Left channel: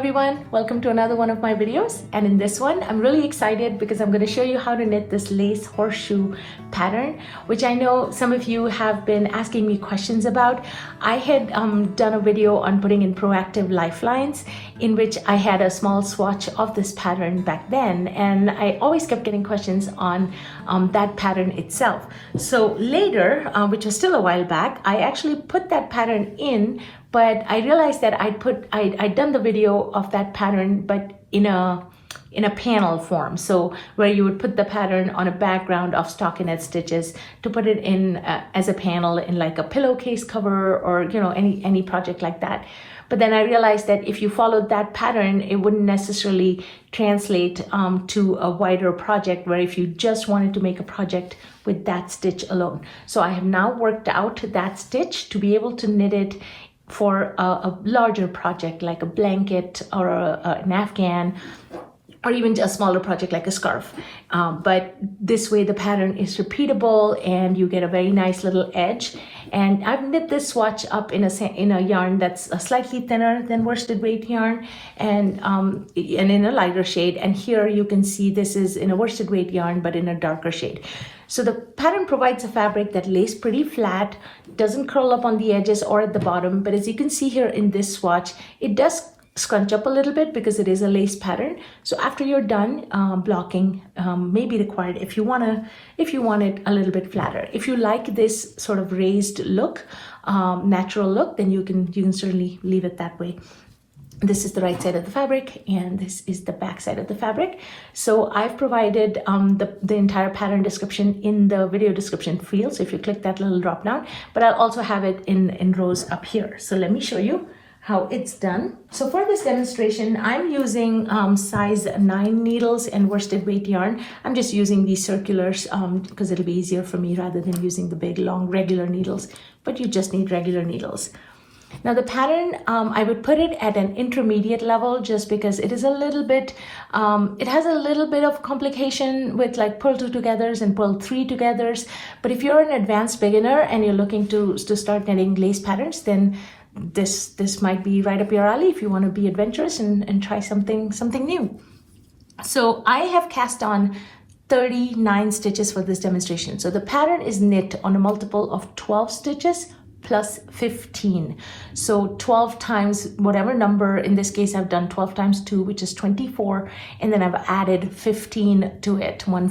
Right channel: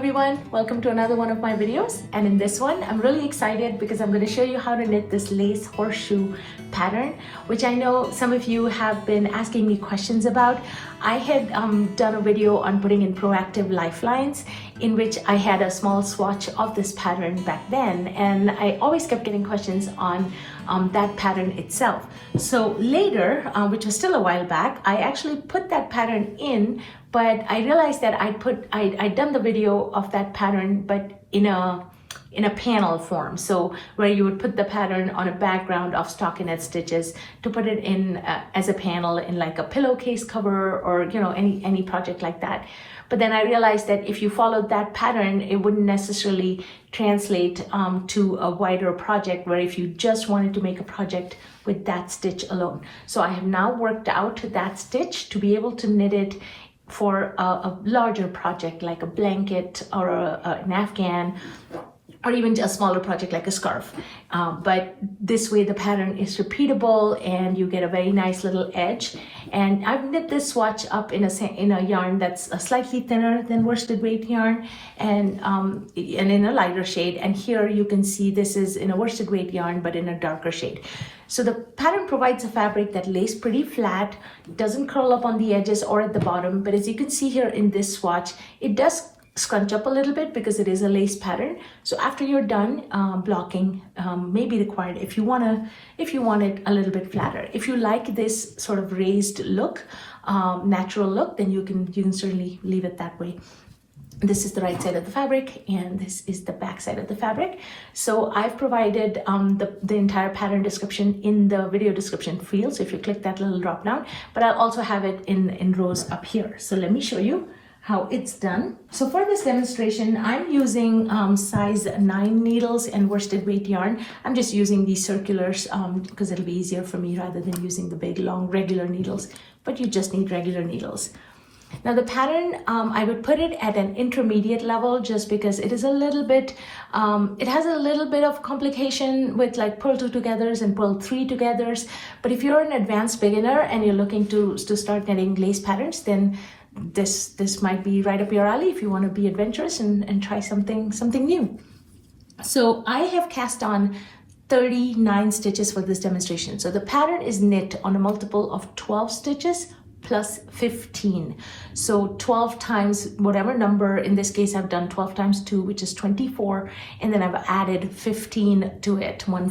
everyone, welcome to another one of my videos, and in this one I'm really excited because I'm going to show you how to knit this lace horseshoe pattern, which I know some of you have been asking me questions about. I had done a video on putting in proactive lifelines in which I had a small swatch of this pattern back then, and I always kept getting questions on that pattern itself. So later, which was still a while back, I actually put that pattern in, but I realized that I'd done the video of that pattern, but in a panel form, so where you would put the pattern on a background of stockinette stitches to put it in as a panel in like a pillowcase cover or any project like that. But then I realized that if you followed that pattern, it wouldn't necessarily translate to a wider project, where if you just wanted to make a project with that stitch alone. So I have now worked out that stitch to be able to knit it for a larger project like a blanket or an afghan, or even a smaller project like a scarf. But this way the pattern is repeatable and you get a very nice little edge. And I've knit this swatch up in a yarn that's slightly thinner than worsted weight yarn and in a lighter shade. And here you can see this is in a worsted weight yarn but in a darker shade. So the pattern provides a fabric that lays pretty flat, doesn't curl up on the edges or at the bottom, but as you can see here in this swatch, it does scrunch up a little bit because it is a lace pattern. So after you're done, blocking may be required if you want it a little bit flatter. If you like this sort of raised look, natural look, then you can certainly leave it that way. This is the right side of the fabric and this is the back side of the fabric. So I've provided the entire pattern description in the video description field, so if you click that little drop down, but I'll also have it in rows up here. So let me show you how it's done. So for this demonstration, I'm using size 9 needles and worsted weight yarn. I'm just using these circulars because it'll be easier for me rather than using the big long regular needles, but you just need regular needles. Now the pattern, I would put it at an intermediate level just because it is a little bit, it has a little bit of complication with like purl 2 togethers and purl 3 togethers. But if you're an advanced beginner and you're looking to start knitting lace patterns, then this might be right up your alley if you want to be adventurous and try something new. So I have cast on 39 stitches for this demonstration. So the pattern is knit on a multiple of 12 stitches plus 15. So 12 times whatever number, in this case I've done 12 times 2, which is 24, and then I've added 15 to it, 15.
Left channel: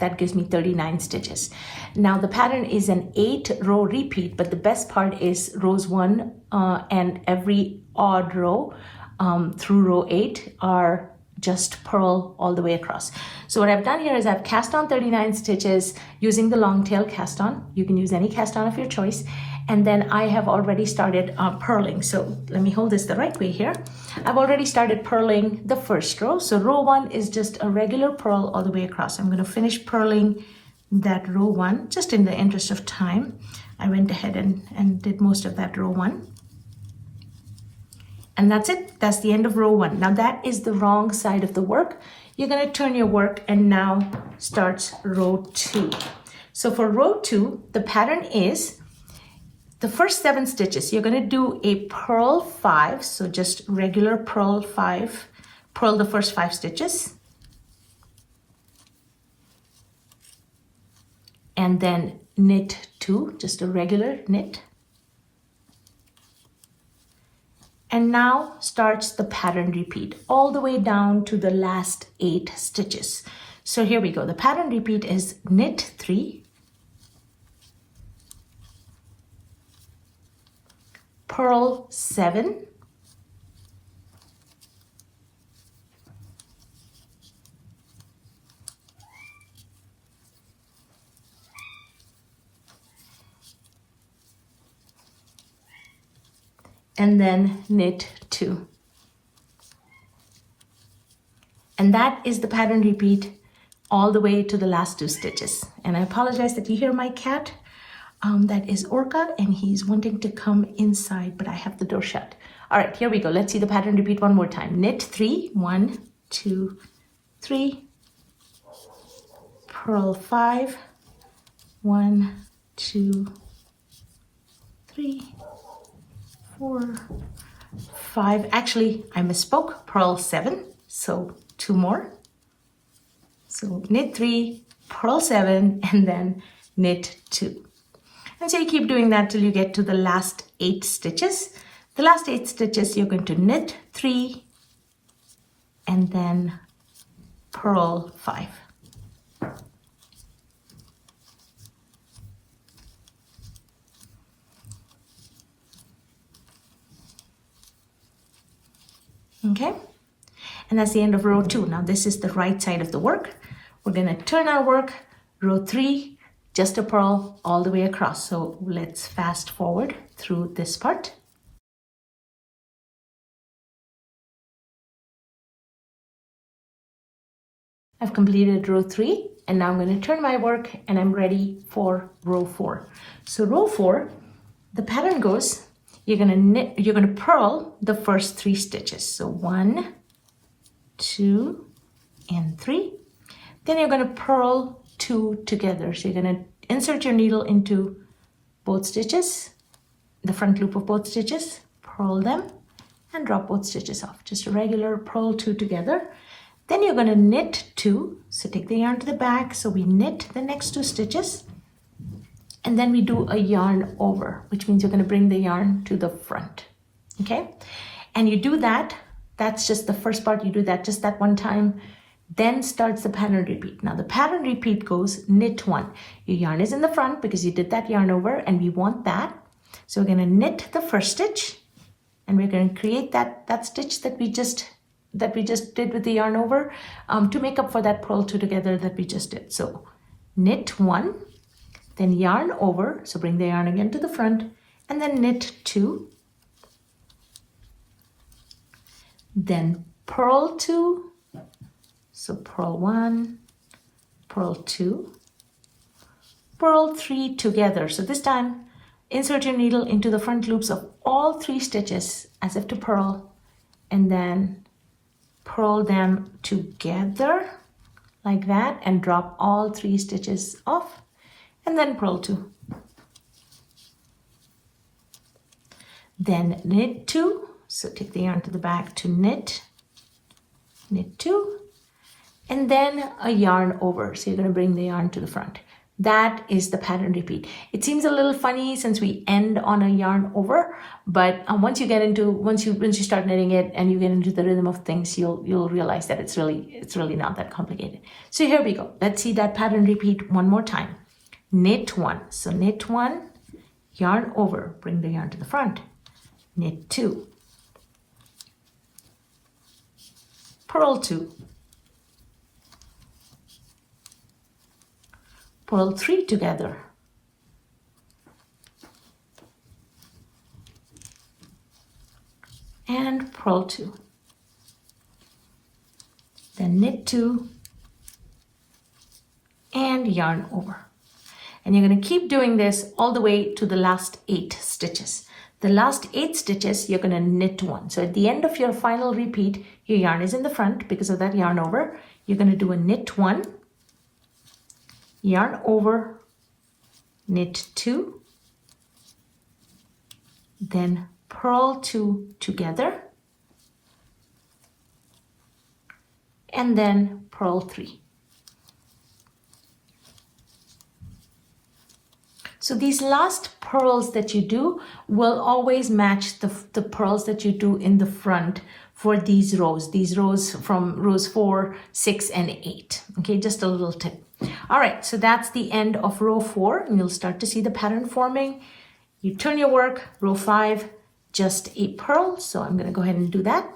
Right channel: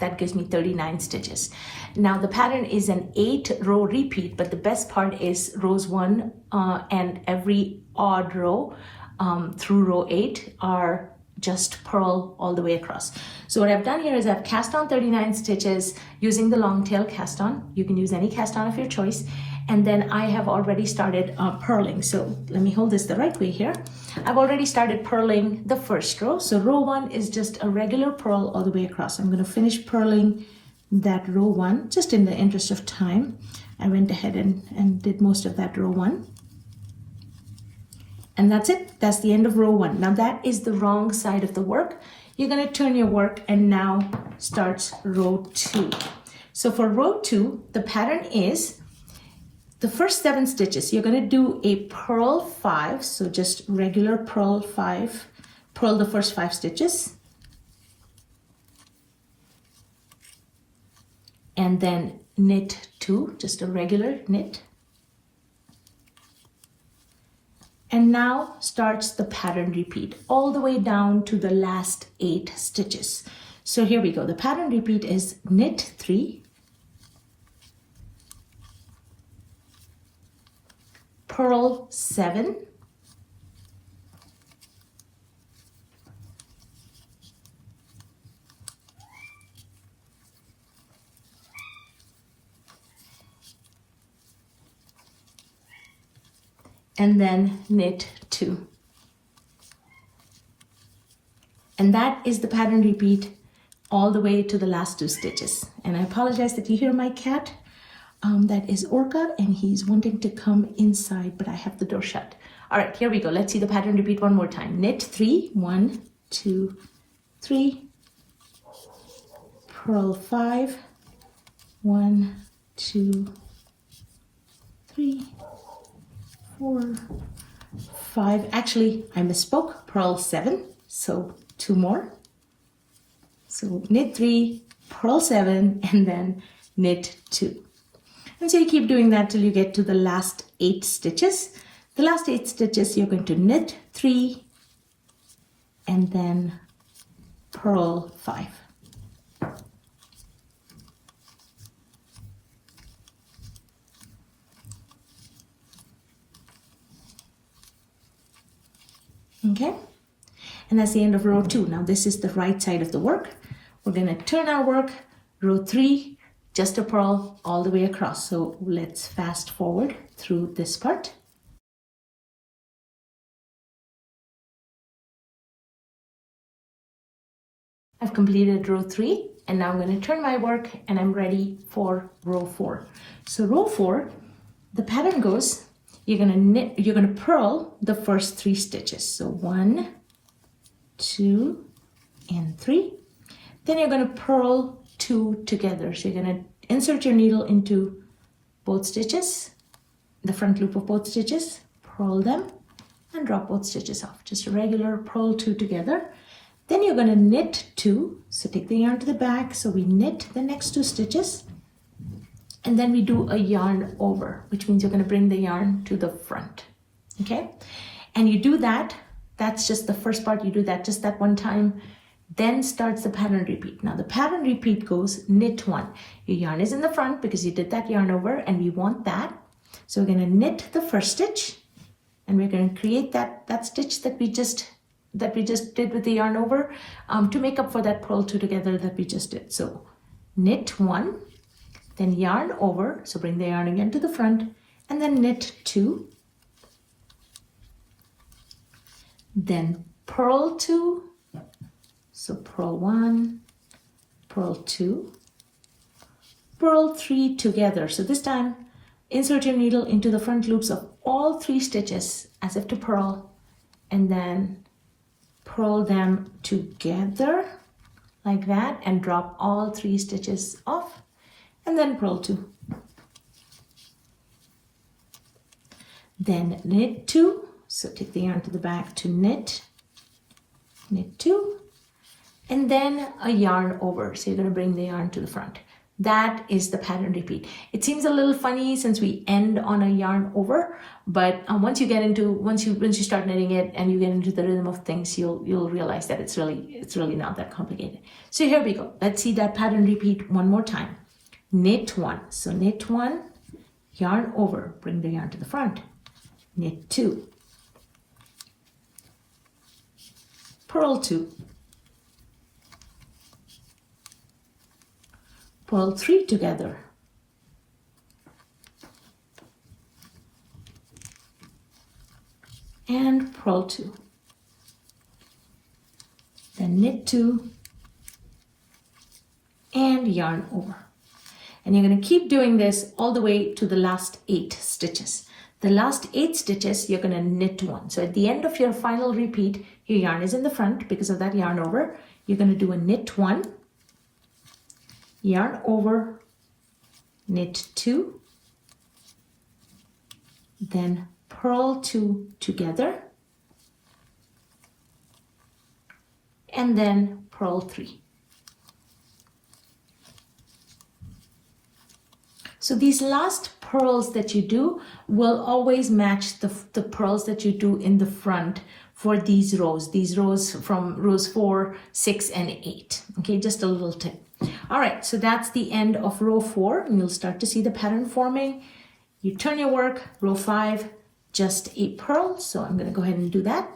That gives me 39 stitches. Now the pattern is an 8-row repeat, but the best part is rows 1 and every odd row through row 8 are just purl all the way across. So what I've done here is I've cast on 39 stitches using the long tail cast on. You can use any cast on of your choice. And then I have already started purling. So let me hold this the right way here. I've already started purling the first row. So row 1 is just a regular purl all the way across. I'm going to finish purling that row 1 just in the interest of time. I went ahead and did most of that row 1. And that's it. That's the end of row 1. Now that is the wrong side of the work. You're going to turn your work and now starts row 2. So for row 2, the pattern is the first 7 stitches, you're going to do a purl 5, so just regular purl 5, purl the first 5 stitches, and then knit 2, just a regular knit. And now starts the pattern repeat all the way down to the last 8 stitches. So here we go. The pattern repeat is knit 3, purl 7, and then knit 2. And that is the pattern repeat all the way to the last 2 stitches. And I apologize that you hear my cat. That is Orca, and he's wanting to come inside, but I have the door shut. All right, here we go. Let's see the pattern repeat one more time. Knit 3, 1, 2, 3, purl 5, 1, 2, 3, 4, 5, actually I misspoke, purl 7, so 2 more. So knit 3, purl 7, and then knit 2. And so you keep doing that till you get to the last 8 stitches. The last 8 stitches you're going to knit 3 and then purl 5. Okay, and that's the end of row 2. Now this is the right side of the work. We're going to turn our work, row 3, just a purl all the way across. So let's fast forward through this part. I've completed row 3 and now I'm going to turn my work and I'm ready for row 4. So row 4, the pattern goes, you're going to purl the first 3 stitches. So 1, 2, and 3. Then you're going to purl 2 together. So you're going to insert your needle into both stitches, the front loop of both stitches, purl them, and drop both stitches off. Just a regular purl 2 together. Then you're going to knit 2. So take the yarn to the back. So we knit the next 2 stitches. And then we do a yarn over, which means you're going to bring the yarn to the front. Okay? And you do that. That's just the first part. You do that just that one time. Then starts the pattern repeat. Now the pattern repeat goes knit 1. Your yarn is in the front because you did that yarn over and we want that. So we're going to knit the first stitch and we're going to create that stitch that we just did with the yarn over to make up for that purl 2 together that we just did. So knit 1, then yarn over, so bring the yarn again to the front, and then knit 2, then purl 2, so purl 1, purl 2, purl 3 together. So this time insert your needle into the front loops of all 3 stitches as if to purl, and then purl them together like that and drop all 3 stitches off. And then purl 2. Then knit 2. So take the yarn to the back to knit 2, and then a yarn over. So you're going to bring the yarn to the front. That is the pattern repeat. It seems a little funny since we end on a yarn over, but once you start knitting it and you get into the rhythm of things, you'll realize that it's really not that complicated. So here we go. Let's see that pattern repeat one more time. Knit 1. So knit 1, yarn over, bring the yarn to the front. Knit 2. Purl 2. Purl 3 together. And purl 2. Then knit 2 and yarn over. And you're going to keep doing this all the way to the last 8 stitches. The last 8 stitches, you're going to knit 1. So at the end of your final repeat, your yarn is in the front because of that yarn over. You're going to do a knit 1, yarn over, knit 2, then purl 2 together, and then purl 3. So these last purls that you do will always match the purls that you do in the front for these rows from rows 4, 6, and 8. Okay, just a little tip. All right, so that's the end of row 4, and you'll start to see the pattern forming. You turn your work, row 5, just a purl. So I'm going to go ahead and do that.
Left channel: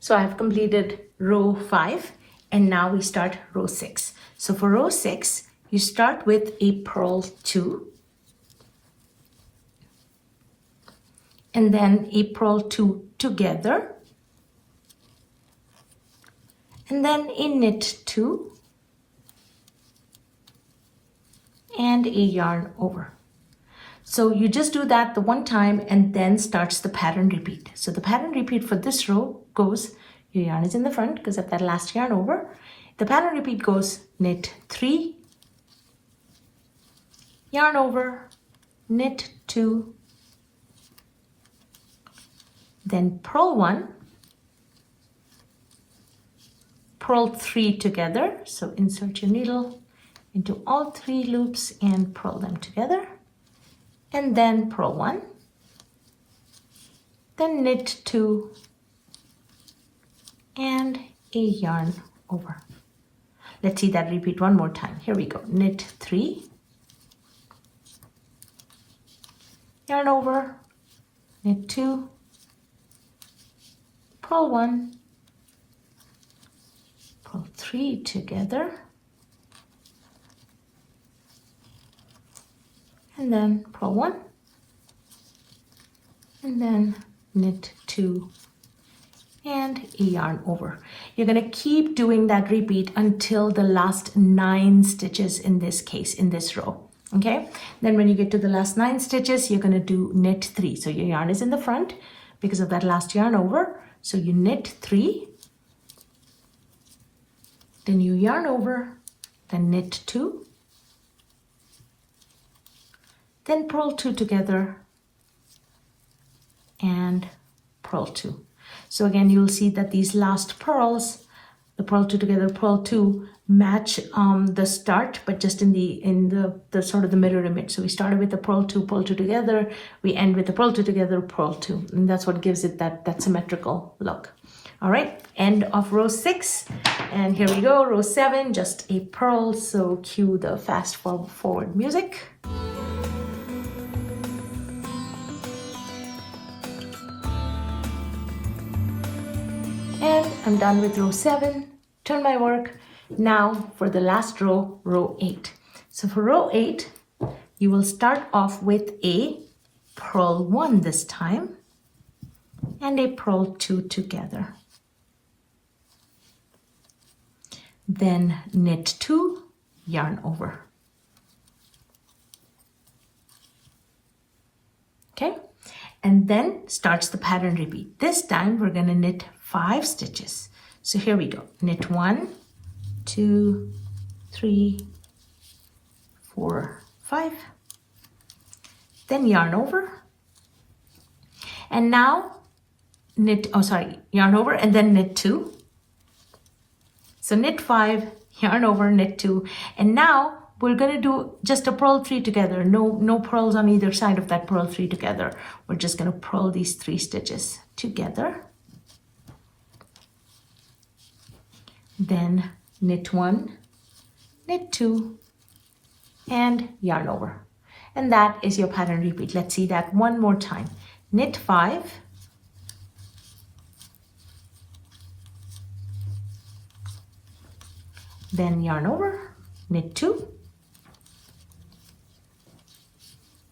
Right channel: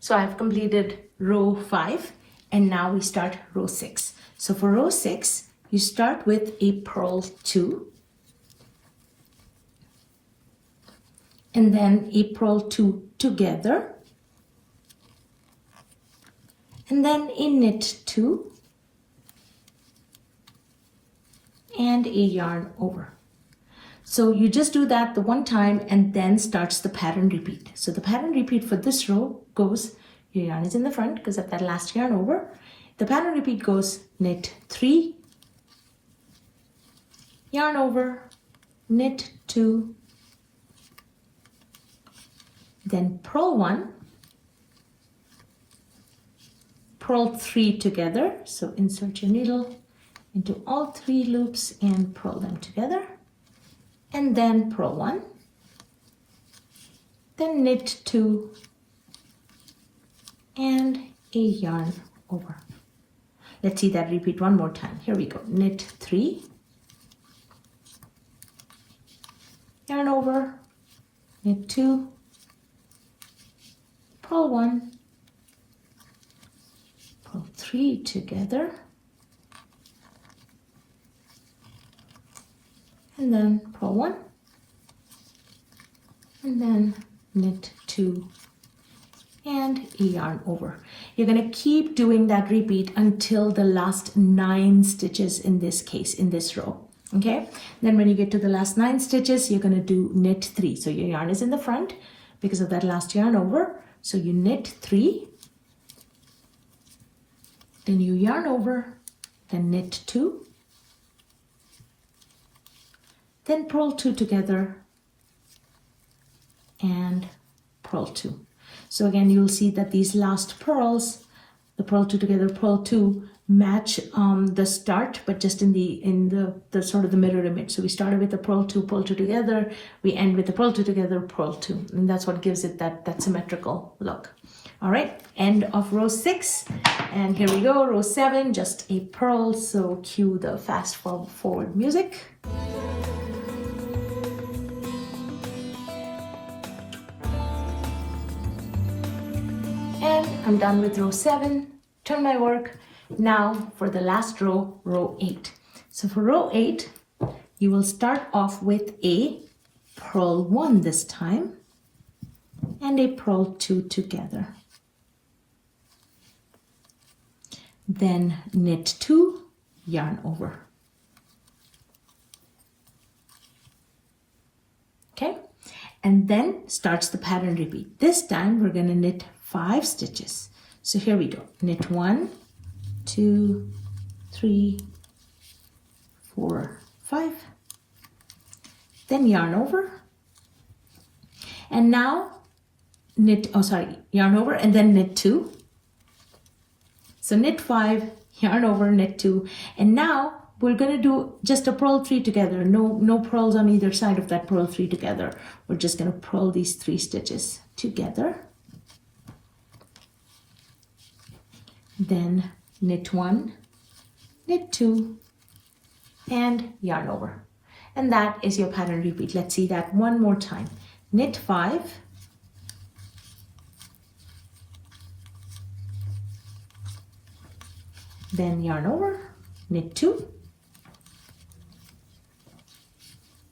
So I've completed row 5. And now we start row 6. So for row 6, you start with a purl 2, and then a purl 2 together, and then a knit 2, and a yarn over. So you just do that the one time and then starts the pattern repeat. So the pattern repeat for this row goes, your yarn is in the front because of that last yarn over. The pattern repeat goes knit 3, yarn over, knit 2, then purl 1, purl 3 together. So insert your needle into all 3 loops and purl them together, and then purl 1, then knit 2 and a yarn over. Let's see that repeat one more time. Here we go. Knit 3, yarn over, knit 2, purl 1, purl 3 together, and then purl 1, and then knit 2 and a yarn over. You're going to keep doing that repeat until the last 9 stitches in this case, in this row. Okay, then when you get to the last 9 stitches, you're going to do knit 3. So your yarn is in the front because of that last yarn over. So you knit 3, then you yarn over, then knit 2, then purl 2 together and purl 2. So again, you'll see that these last purls, the purl 2 together, purl 2, match the start, but just in the sort of the mirror image. So we started with the purl 2 together, we end with the purl 2 together, purl 2, and that's what gives it that symmetrical look. All right, end of row 6, and here we go, row 7, just a purl. So cue the fast forward music. And I'm done with row 7. Turn my work. Now for the last row, row 8. So for row 8, you will start off with a purl 1 this time and a purl 2 together. Then knit 2, yarn over. Okay, and then starts the pattern repeat. This time we're going to knit 5 stitches. So here we go. Knit 1, 2, 3, 4, 5. Then yarn over. And now yarn over and then knit 2. So knit 5, yarn over, knit 2. And now we're going to do just a purl 3 together. No purls on either side of that purl 3 together. We're just going to purl these 3 stitches together. Then knit 1, knit 2, and yarn over. And that is your pattern repeat. Let's see that one more time. Knit 5, then yarn over, knit 2,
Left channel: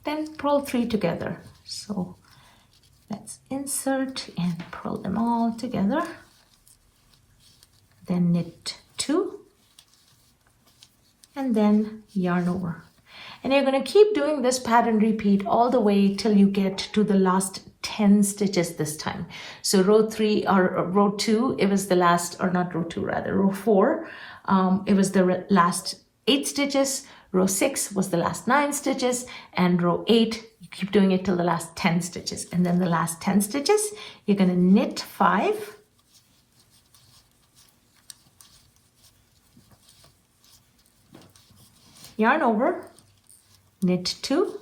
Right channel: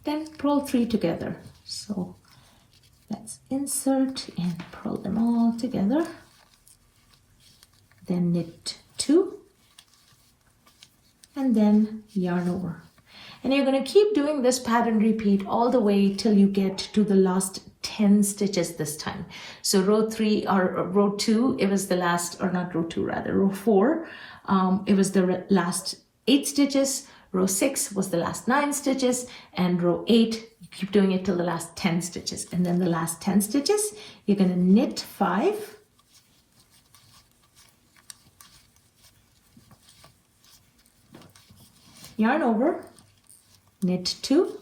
then purl 3 together. So let's insert and purl them all together. Then knit 2, and then yarn over. And you're going to keep doing this pattern repeat all the way till you get to the last 10 stitches this time. So row 3 or row 2, it was the last, or not row 2 rather, row 4, it was the last 8 stitches. Row 6 was the last 9 stitches, and row 8, you keep doing it till the last 10 stitches. And then the last 10 stitches, you're going to knit 5, yarn over, knit 2,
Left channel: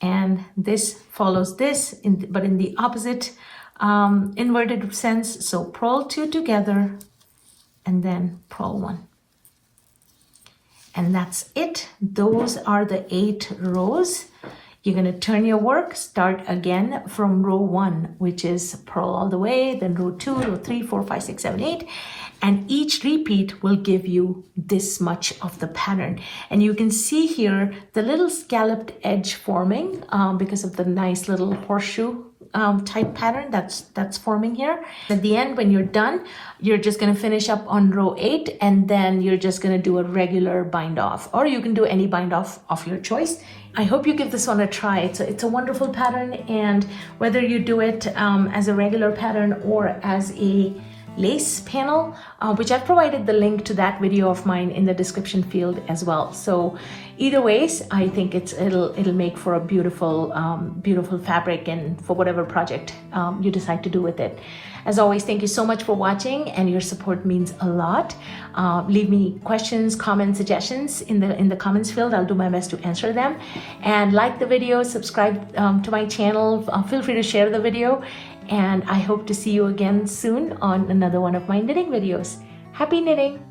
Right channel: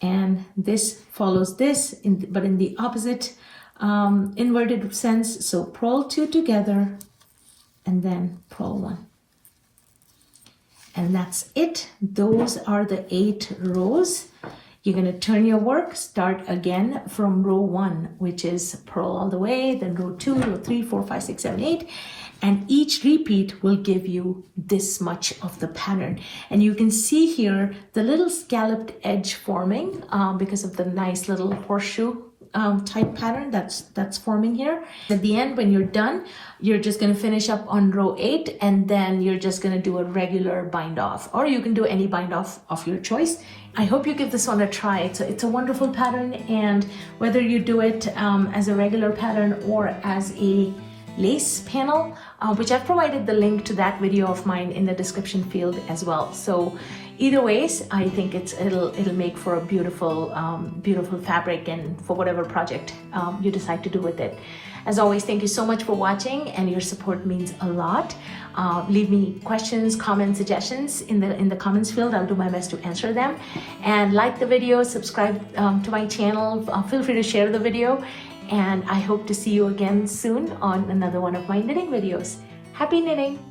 and this follows this, but in the opposite inverted sense. So purl 2 together, and then purl 1. And that's it. Those are the 8 rows. You're going to turn your work, start again from row 1, which is purl all the way, then row 2, row 3, 4, 5, 6, 7, 8. And each repeat will give you this much of the pattern. And you can see here the little scalloped edge forming because of the nice little horseshoe type pattern that's forming here. At the end, when you're done, you're just going to finish up on row 8, and then you're just going to do a regular bind off, or you can do any bind off of your choice. I hope you give this one a try. It's a wonderful pattern, and whether you do it as a regular pattern or as a lace panel, which I've provided the link to that video of mine in the description field as well. So either ways, I think it'll make for a beautiful beautiful fabric, and for whatever project you decide to do with it. As always, thank you so much for watching, and your support means a lot. Leave me questions, comments, suggestions in the comments field. I'll do my best to answer them. And like the video, subscribe to my channel. Feel free to share the video. And I hope to see you again soon on another one of my knitting videos. Happy knitting!